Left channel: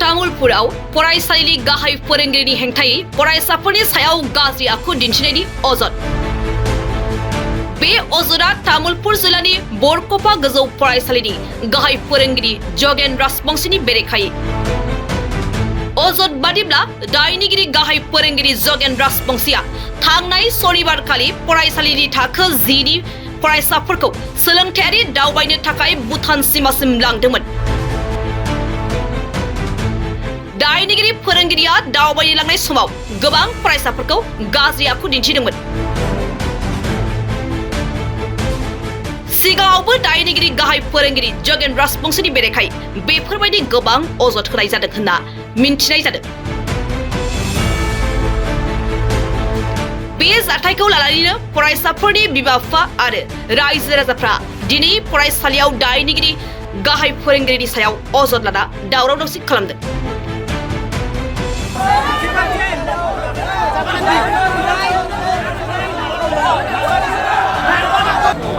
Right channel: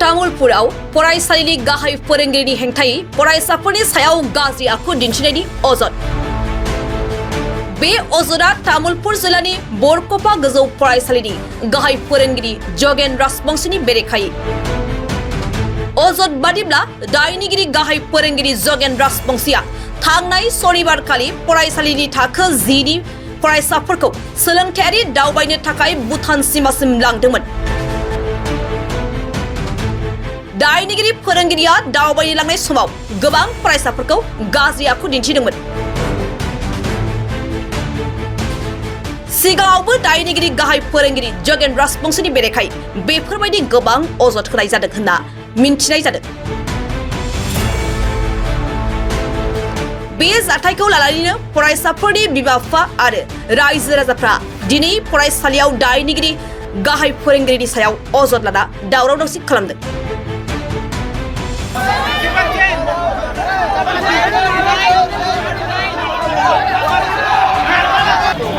तामुलपुराव फरायसालिनि गाहाय फोरोंगिरिनि हेंथायै फरायसाफोरनि सायाव गाज्रि आखु दिन्थिनायनि अजद। बे अजदआ तामुलपुर जिल्लानि बरकपा गोजौ फरायसालिनि गाहाय फोरोंगिरि जगेन राजबंशीनि बेरेखायै। अजद बादिब्ला दायनिगिरि गाहाय फोरोंगिरि जगेन राजबंशीया थांनाय सनिबारखालि फरायसालिनि थाखो 10 नि फरायसाफोरखौ सोलोंथायारि दावबायनो थाखाय भुटान सिमासिम लांदोंमोन। दायनिगिरि फोरोंगिरिया दावबायनो लांनाय समाव गोबां फरायसाफोरखौ गाज्रि आखु दिन्थिदोंमोन। सिगाङावबो दायनिगिरि गाहाय फोरोंगिरि जगेन राजबंशीनि बेरेखायै बेफोरबायदि गोबां अजद होनाय जादों होनना मिन्थिनाय जादों। बे जाथायखौ लानानैनो फरायसाफोरनि बिमा-बिफा आरो रायजो राजाफ्रा दिनै फरायसालियाव दायनिगिरि गाहाय फोरोंगिरिनि सायाव अजद लाना दावराव-दावसि खालामदों।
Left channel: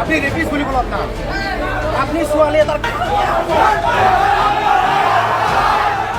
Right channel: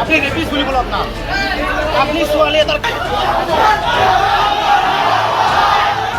আপনি রেপিস্ট গুলি বলো আপনি সোয়ালে তার